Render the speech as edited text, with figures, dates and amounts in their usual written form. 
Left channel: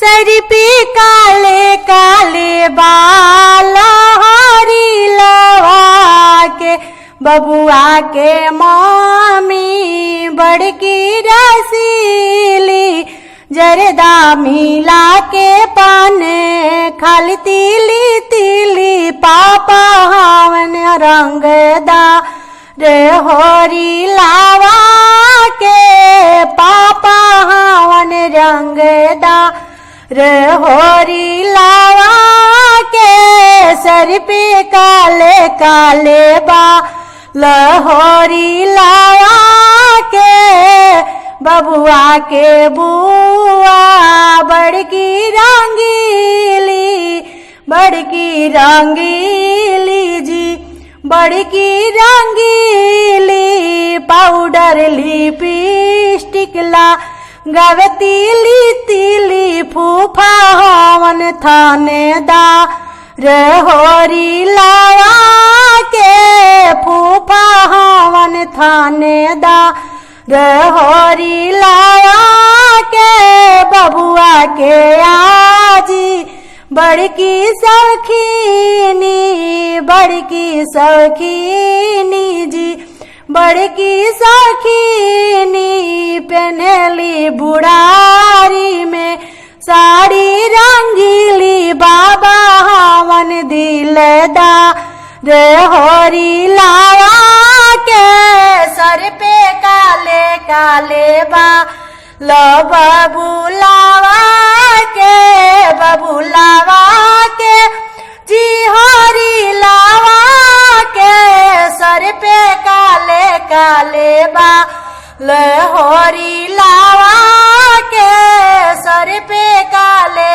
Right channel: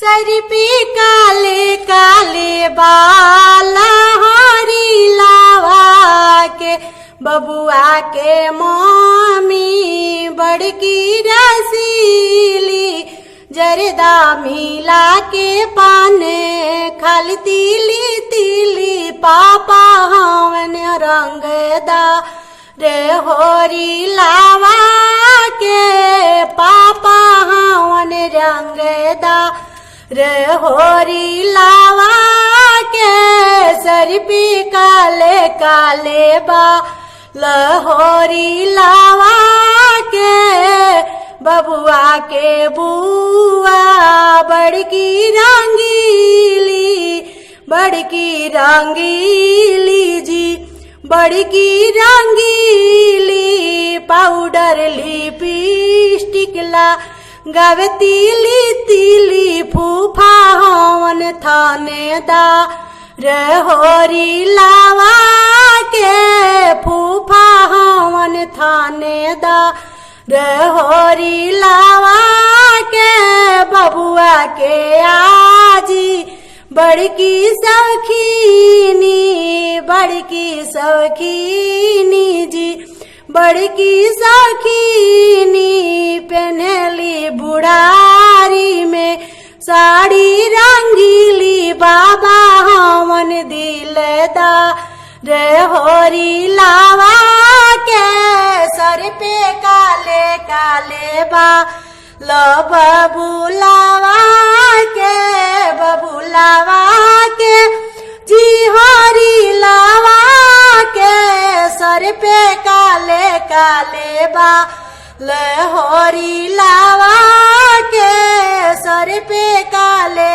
सर पे काले काले बाल हरी लावा के बबुआ के मामी बड़की रसीली जरदा मिला के पाने खाली तीली तीली पापा हवन रंगदा रे होरी लावा के पापा हवन रंगदा रे होरी लावा के सर पे काले काले बा लहोरी लावा के बबुआ के बुआ बड़की रंगीली जी बड़की रंगीली पाउडर लिपस्टिक ला गावे तीली तीली फूफा हवन थानेदा रे होरी लावा के फूफा हवन थानेदा रे होरी लावा के बबुआ के आजी बड़की सखीनी जी बड़की सखीनी पहनली बुढ़ारी में साड़ी रंगीली बाबा हवन दिलदा रे होरी लावा के सर पे काले काले बा लो बबुलावा के जी होरी लावा के सर पे काले काले बा ले होरी लावा के सर पे काले